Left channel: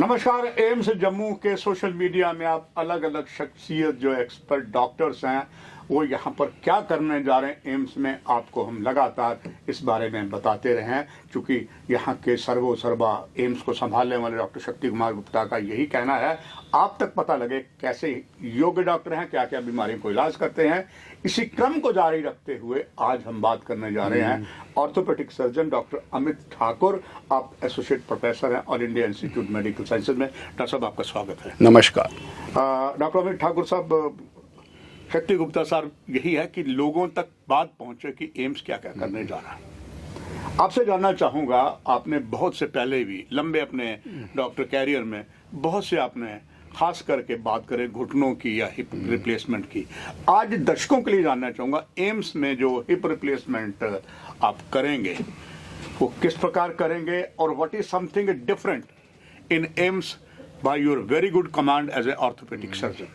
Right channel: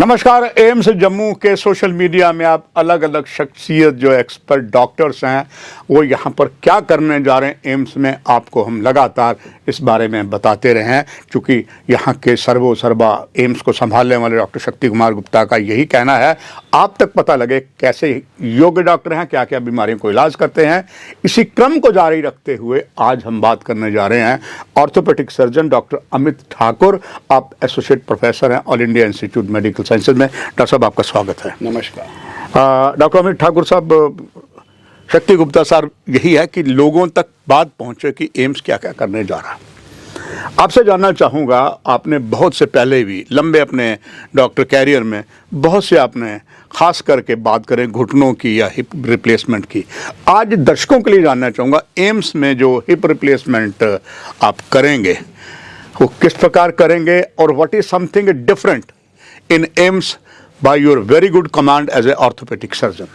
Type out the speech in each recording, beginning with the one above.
नमस्कार। एम्स जम्मू के social media में आप अलग अलग शख्सियत जो एक्सपर्ट डॉक्टर्स हैं वो यहाँ पर क्या करने जा रहे हैं एम्स में, आपको हम लगातार इस बारे में बताते रहे हैं। क्योंकि यहाँ के सर्वा एम्स को संभालने वाले डॉक्टर शक्ति कुमार गुप्ता का यही कहना है, आप तक पता लगे कैसे योग्य डॉक्टर हैं, क्या क्या बीमारियों को इलाज करते हैं। इसी क्रम को जारी रखते हुए आज हम बात करने जा रहे हैं orthopaedic surgeon doctor Amit Thakur. आप एसोसिएट प्रोफेसर हैं all India institute medical sciences में। डॉक्टर साहब आपका स्वागत है। नमस्कार। डॉक्टर अमित ठाकुर साहब, शक्ति गुप्ता साहब यही है कि लोगों तक बात पहुंचे कि एम्स क्या क्या करने जा रहा है। आपसे जानना चाहूँगा, आपने बहुत से पहले भी लंबे अपने डॉक्टर कैरियर में बहुत से आपने खास करके बात करें घुटनों की या हिप रिप्लेसमेंट की, आज दर्शकों के लिए जानना चाहूँगा एम्स में जो हिप रिप्लेसमेंट आप करेंगे वो किस प्रकार करेंगे और what is something different in AIIMS by your very good command as a orthopaedic surgeon.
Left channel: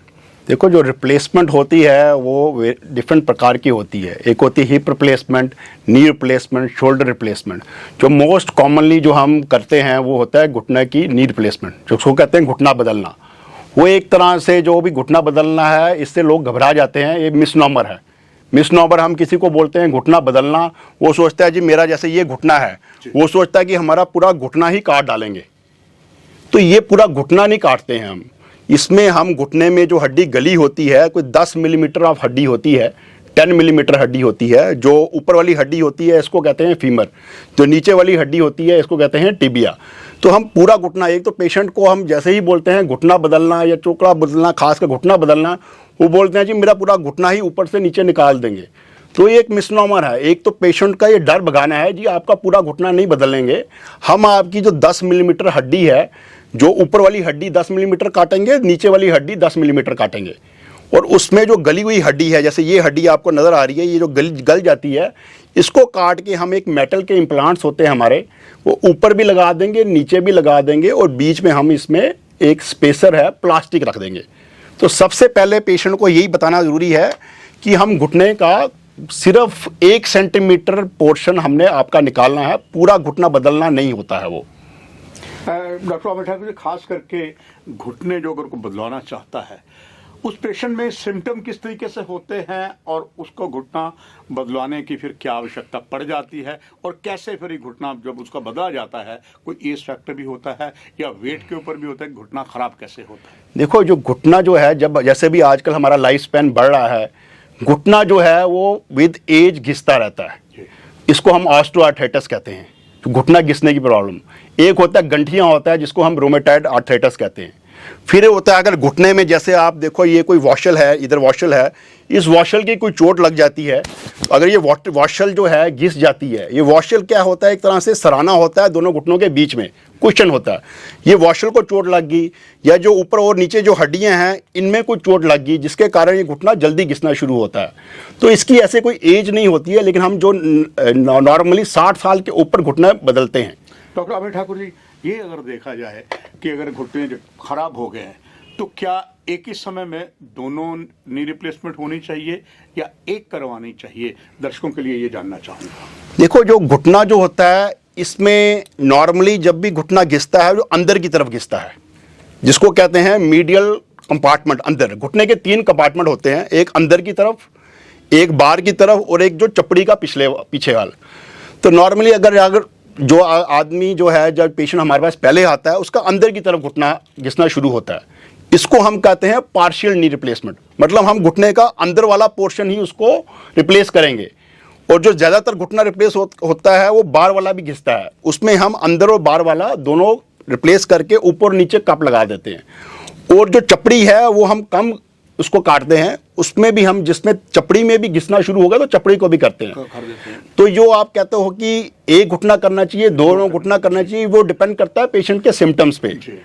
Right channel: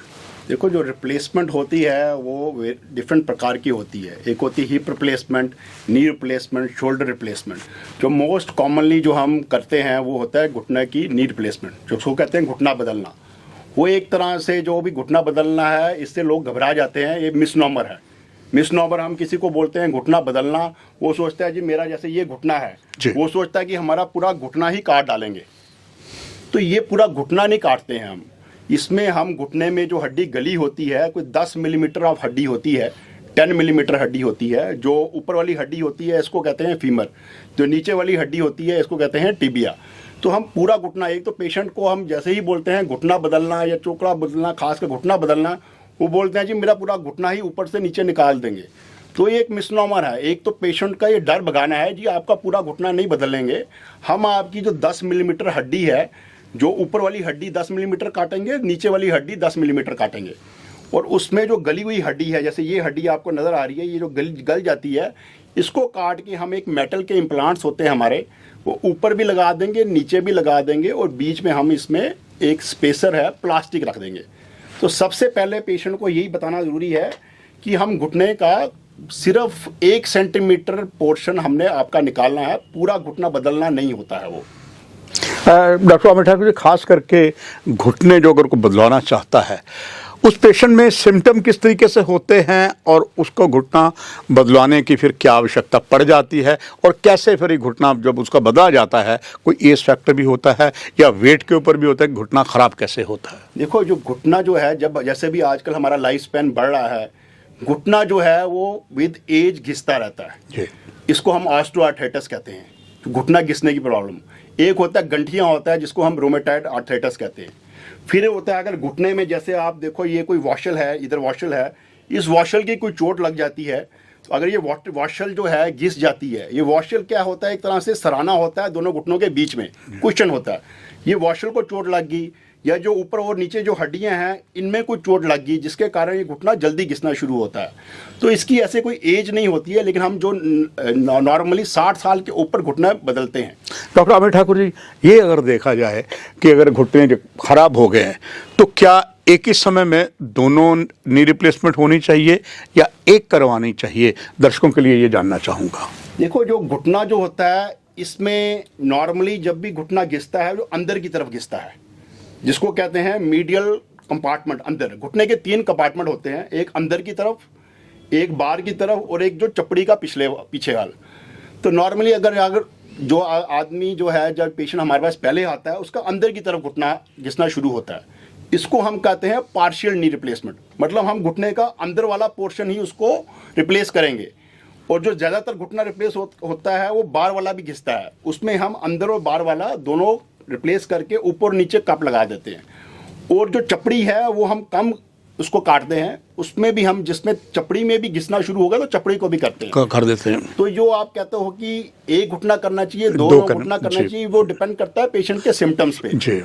देखो, जो रिप्लेसमेंट होती है वो डिफरेंट प्रकार की होती है। एक होती है hip replacement, knee replacement, shoulder replacement. जो मोस्ट कॉमनली जो हम करते हैं वो होता है घुटने की नी रिप्लेसमेंट, जो उसको कहते हैं घुटना बदलना। वो एक तरह से जो भी घुटना बदलना है, इससे लोग घबरा जाते हैं, ये मिसनॉमर है। मिसनॉमर हम किसी को बोलते हैं घुटना बदलना, वो सोचता है जी मेरा जैसे ये घुटना है, वो सोचता है कि हमारा पूरा घुटना ही काट डालेंगे। तो ये पूरा घुटना नहीं काटते हैं हम। इसमें हम घुटने में जो हड्डी गली होती है, कोई 10 मिलीमीटर ऑफ हड्डी होती है, 10 मिलीमीटर हड्डी होती है। जो ऊपर वाली हड्डी होती है इसको कहते हैं फीमर, जो नीचे वाली हड्डी होती है इसको कहते हैं टिबिया। तो हम पूरा घुटना, एक तो पेशेंट को हम जैसे ही बोलते हैं घुटना बदलना या चोकड़ा बदलना, खासकर घुटना बदलना, वो बोलते हैं जी मेरा पूरा घुटना ही ऊपर से नीचे निकाल देंगे। तो ये एक मिसनॉमर है। एक तो पेशेंट का ये डर भगाना है जी आपका पूरा घुटना नहीं बदलेंगे, हम आपकी जो 10 मिलीमीटर हड्डी है, जो ऊपर वाली हड्डी 10 मिलीमीटर काटेंगे, नीचे वाली हड्डी 10 मिलीमीटर काटेंगे। और उसमें जो गली हुई हड्डी है, जैसे ये हड्डी आपको नज़र आ रही है, ये जो गल जाती है, इसको काट के हम एक मेटल के इम्प्लांट्स होते हैं हमारे, वो ऊपर भी लगा देंगे, नीचे भी लगा देंगे, और बीच में हम इसमें एक स्पेसर है प्लास्टिक रख देंगे। तो सबसे पहले पेशेंट को यही बताना ज़रूरी है कि हम घुटने का सिर्फ 1 सेंटीमीटर पोर्शन हमने आपका निकालना है, पूरा घुटना बदलना नहीं होता है वो। डॉक्टर अमित ठाकुर जी, खास करके घुटने जो अगर को बदलवाना चाहता है उस पेशेंट में सिम्टम किस तरीके से होते हैं और उसको घुटना बदलवाने की फिर क्या आवश्यकता पड़ जाती है, और कैसे फिर घुटना जब उसका बदला जाता है, कोई एज फैक्टर भी होता है या वेट के ऊपर भी होता है, घुटना खराब कैसे होता है? देखो, जो घुटना जो है, जब जैसे भी आजकल हमारा लाइफ स्पैन बढ़ रहा है, घुटना जो है वो विद एज घिसता रहता है। इसको हम ऑस्टियोआर्थराइटिस कहते हैं, घुटना घिसने की प्रॉब्लम। एक होता है गंठियां होता है जिसको हम रोमेटॉइड आर्थराइटिस कहते हैं। फिर होता है अगर घुटने में, जैसे आप देखो ये कोई वॉशल है, इधर वॉशल है, इस वॉशल की कोई चोट लग जाती है, अगर ये वॉशल जो है घिस जाती है, ये वॉशल क्या होता है, एक तरह से सराहना होता है दोनों घुटनों के बीच में, क्वेश्चन होता है। ये वॉशल को चोट लग गई, या जो ऊपर और नीचे जो हड्डियां हैं इनमें कोई चोट लग गई, जिसके कारण ये घुटना जल्दी घिसना शुरू होता है। तो इसकी ऐसे कोई एज नहीं होती है, लेकिन हम जो नॉर्मली 60 साल के ऊपर घुटना बदलते हैं। डॉक्टर अमित ठाकुर जी, ये अगर देखा जाए कि अगर घुटने खराब हो गए हैं तो क्या एक ही समय में दोनों नी रिप्लेसमेंट होनी चाहिए या एक करवानी चाहिए? दर्शकों के लिए ये जानना चाहूँगा। देखो, जो घुटना जो होता है इसमें नॉर्मली जब भी घुटना घिसता है, जो अंदर की तरफ घिसता है, जिसको कहते हैं मीडियल कंपार्टमेंट। अंदर घुटने के 3 कंपार्टमेंट होते हैं, एक अंदर की तरफ, एक बाहर की तरफ, और एक जो चपड़ी का पीछे वाल। तो नॉर्मली अगर जो आदमी जो है, जब पेशेंट हमारे पास पहले आता है, उसका अंदर की तरफ घुटना घिसना शुरू होता है, इसको हम कहते हैं पार्शियल नी रिप्लेसमेंट। मतलब हम घुटने का अंदर वाला पोर्शन ही उसको रिप्लेस करेंगे। और जो ज़्यादातर घुटना रिप्लेस होता है वो बाहर वाला भी घिसता है, उसमें हम अंदर और बाहर वाला दोनों रिप्लेस करके ऊपर नीचे कप लगा देते हैं। और जो चपड़ी है वो हम कम उसको काटते हैं, उसमें भी हम, जिसमें चपड़ी में भी घिसना शुरू होगा तो चपड़ी को भी करते हैं, कर देते हैं। तो जो आप कहते हो कि एक घुटना करना चाहिए, दो घुटना करना चाहिए, वो डिपेंड करता है पेशेंट के सिम्टम्स पे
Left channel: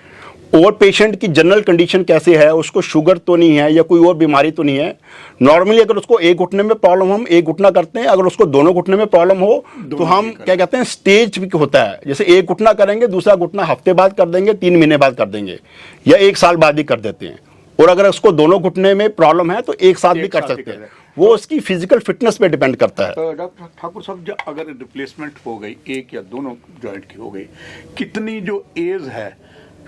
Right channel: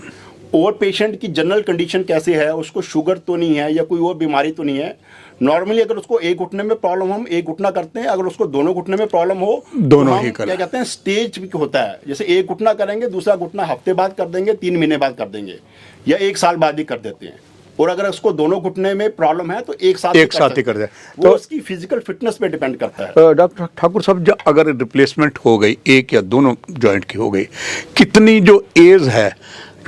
और पेशेंट की जनरल कंडीशन कैसे है, उसको शुगर तो नहीं है या कोई और बीमारी तो नहीं है। नॉर्मली अगर उसको एक घुटने में प्रॉब्लम हम एक घुटना करते हैं, अगर उसको दोनों घुटने में प्रॉब्लम हो तो हम क्या कहते हैं स्टेज होता है, जैसे एक घुटना करेंगे, दूसरा घुटना हफ्ते बाद कर देंगे, 3 महीने बाद कर देंगे, या 1 साल बाद भी कर देते हैं। और अगर उसको दोनों घुटने में प्रॉब्लम है तो एक साथ ही कर दे। वो तो उसकी फिजिकल फिटनेस पे डिपेंड करता है। डॉक्टर ठाकुर साहब, जब अगर रिप्लेसमेंट हो गई, एक या दोनों जॉइंट की हो गई, कितनी जो एज है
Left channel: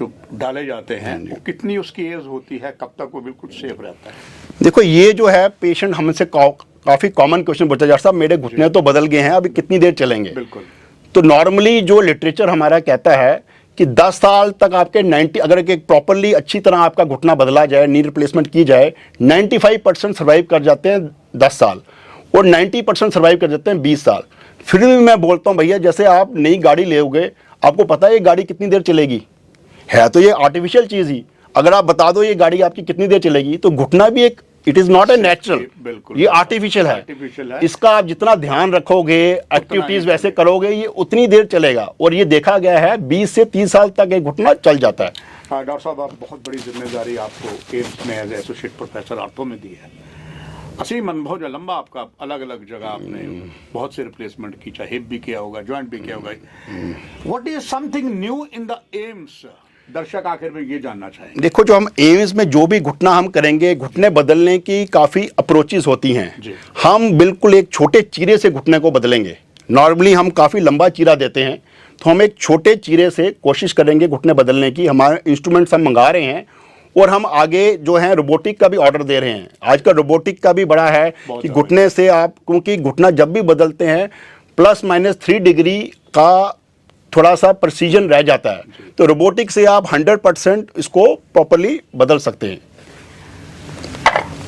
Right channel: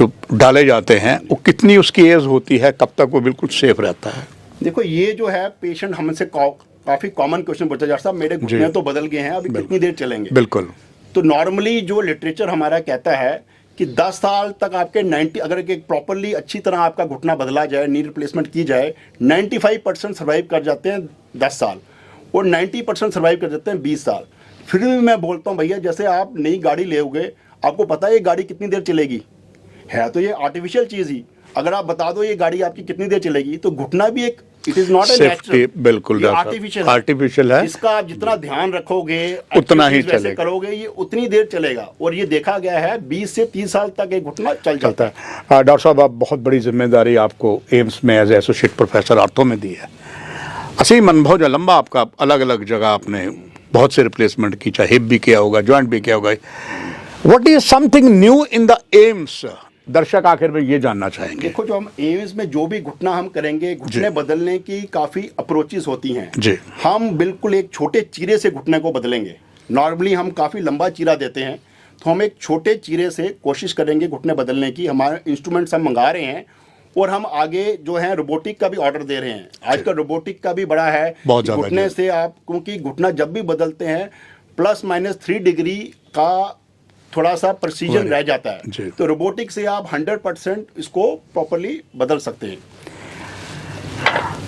जो डाले जाते हैं वो कितनी उसकी एज होती है, कब तक वो बिल्कुल सेफ रहता है? देखो ये जो है पेशेंट हमसे काफी कॉमन क्वेश्चन पूछता है, डॉक्टर साहब मेरे घुटने तो बदल गए हैं, अभी कितनी देर चलेंगे? बिल्कुल। तो नॉर्मली जो लिटरेचर हमारा कहता है कि 10 साल तक आपके 90, अगर एक प्रॉपरली अच्छी तरह आपका घुटना बदला जाए, नी रिप्लेसमेंट की जाए, 95% सर्वाइव कर जाते हैं 10 साल और 90% सर्वाइव कर जाते हैं 20 साल। फिर भी मैं बोलता हूँ भैया, जैसे आप नई गाड़ी लोगे, आपको पता है ये गाड़ी कितनी देर चलेगी? है तो ये आर्टिफिशियल चीज ही। अगर आप बता दो ये गाड़ी आपकी कितनी देर चलेगी, तो घुटना भी एक, it is not a natural, बिल्कुल ये आर्टिफिशियल है। इसका आप जितना ध्यान रखोगे, उतना ही वैसे करोगे, ये उतनी देर चलेगा। और ये देखा गया है 20 से 30 साल तक एक घुटना चल जाता है। डॉक्टर साहब, आप बहुत बड़ी जिम्मेदारी आपको एम्स में एज एसोसिएट प्रोफेसर आर्थो में दी है। असीम अनुभव जो लंबा आपका, अलग अलग जगह आपने बहुत से रिप्लेसमेंट की, चाहे हिप भी किया होगा, जॉइंट भी किया होगा। What is something new in the AIIMS? दर्शक आखिर में ये जानना चाहेंगे। देखो, जो हम एम्स में जो भी घुटना हम करेंगे, घुटने बदलने की काफी अप्रोचेस होती हैं जी। हम बिल्कुल एक छोटे चीरे से घुटने को बदलेंगे। नॉर्मली हम काफी लंबा चीरा देते हैं, तो हम एक छोटे चीरे से कोशिश करेंगे घुटने बदलने की। हमारे इंस्ट्रूमेंट्स हम मंगा रहे हैं और हम आगे जो है रोबोटिक का भी ऑर्डर दे रहे हैं। आजकल रोबोटिक का भी बड़ा है कि घुटने से आप, क्योंकि घुटना जब भी बदलते हैं +- 3 डिग्री का थोड़ा सा प्रिसीजन रह जाता है, तो रोबोटिक से आप 100% इसको प्रॉपर्ली बदल सकते हैं।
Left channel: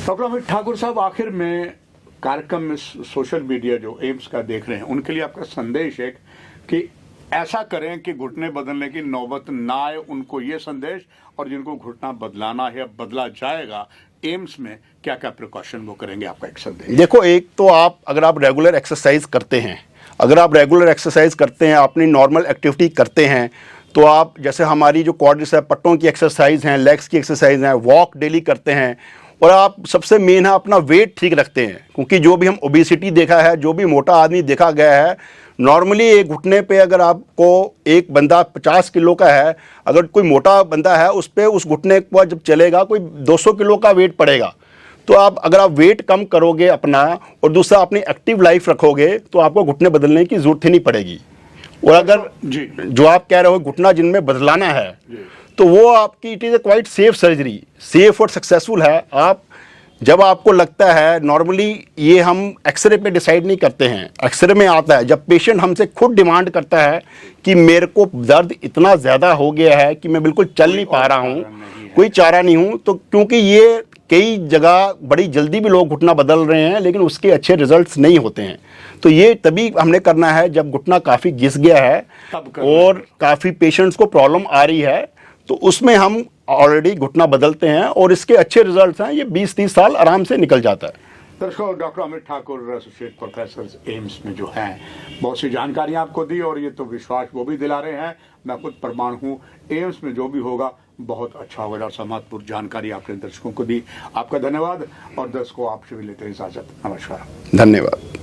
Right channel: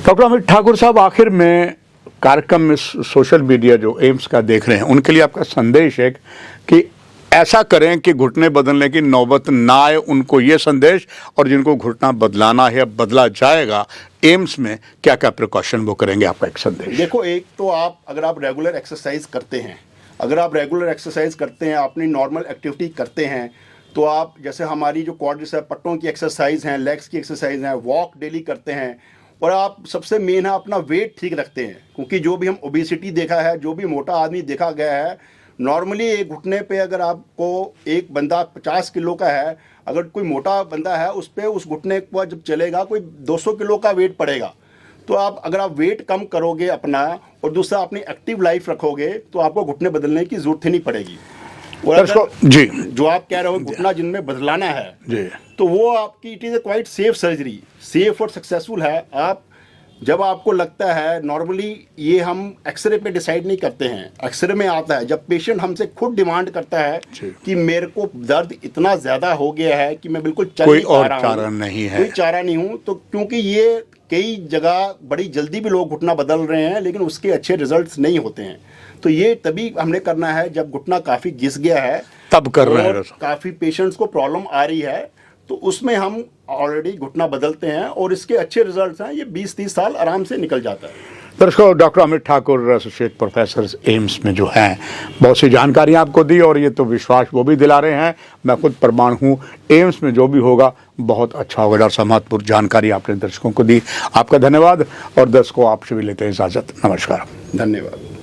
डॉक्टर अमित ठाकुर साहब, आखिर में कार्यक्रम में सोशल मीडिया जो एम्स का देख रहे हैं, उनके लिए आपका संदेश है कि ऐसा करें कि घुटने बदलने की नौबत ना आए, उनको ये संदेश, और जिनको घुटना बदलाना है, बदला जाएगा, एम्स में क्या क्या प्रिकॉशन वो करेंगे, आपका एक संदेश? देखो, एक तो आप, अगर आप रेगुलर एक्सरसाइज करते हैं, अपनी नॉर्मल एक्टिविटी करते हैं, तो आप, जैसे हमारी जो क्वाड्रिसेप है, पट्टों की एक्सरसाइज हैं, लेग्स की एक्सरसाइज हैं, वॉक डेली करते हैं, और आप सबसे मेन है अपना वेट ठीक रखते हैं। क्योंकि जो भी हम ओबेसिटी देखा है, जो भी मोटा आदमी देखा गया है, नॉर्मली एक घुटने पे अगर आपको एक बंदा 50 किलो का है, अगर कोई मोटा बंदा है, उस पे उस घुटने पर जब चलेगा कोई 200 किलो का वेट पड़ेगा। तो आप, अगर आप वेट कम करोगे अपना, और दूसरा अपनी एक्टिव लाइफ रखोगे, तो आपको घुटने बदलने की जरूरत ही नहीं पड़ेगी। और अगर जी, जो आप कह रहे हो घुटना जिनमें बदलाना है जी, तो वो आपकी, it is a quite safe surgery, safe और सक्सेसफुल है। आप जब आपको लगता है, नॉर्मली ये हम एक्सरे पे डिसाइड नहीं करते हैं, एक्सरे में आता है जब पेशेंट हमसे खुद डिमांड करता है कि मेरे को दर्द इतना ज्यादा हो गया है कि मैं बिल्कुल चल नहीं पा रहा हूँ, कोई चारा नहीं हूँ। तो क्योंकि ये कई जगह बड़ी जल्दी भी लोग घुटना बदल रहे हैं, लेकिन उसके अच्छे रिजल्ट्स नहीं होते हैं। तो ये तभी हमने करना है जब घुटना काफी घिस गया है, तब कर रहे हैं, और काफी पेशेंट्स को प्रॉब्लम आ रही है, तो उसमें हम ऑलरेडी घुटना बदलते हैं, और इसके अच्छे रिजल्ट्स हैं। ये 20-30 साल आराम से निकल जाता है। दर्शकों, doctor Amit Thakur, associate professor AIIMS में जो हैं, बहुत सी जानकारियां आपको दी, और ये तो विश्वास वो भी दिला रहे हैं, मैं खुद प्रमाण हूँ, एम्स में जो भी होगा बहुत अच्छा होगा। डॉक्टर साहब, महत्वपूर्ण जानकारी आपने दर्शकों को दी, आपका धन्यवाद। और दर्शकों, आपसे भी लेते हैं इजाजत। नमस्कार। धन्यवाद।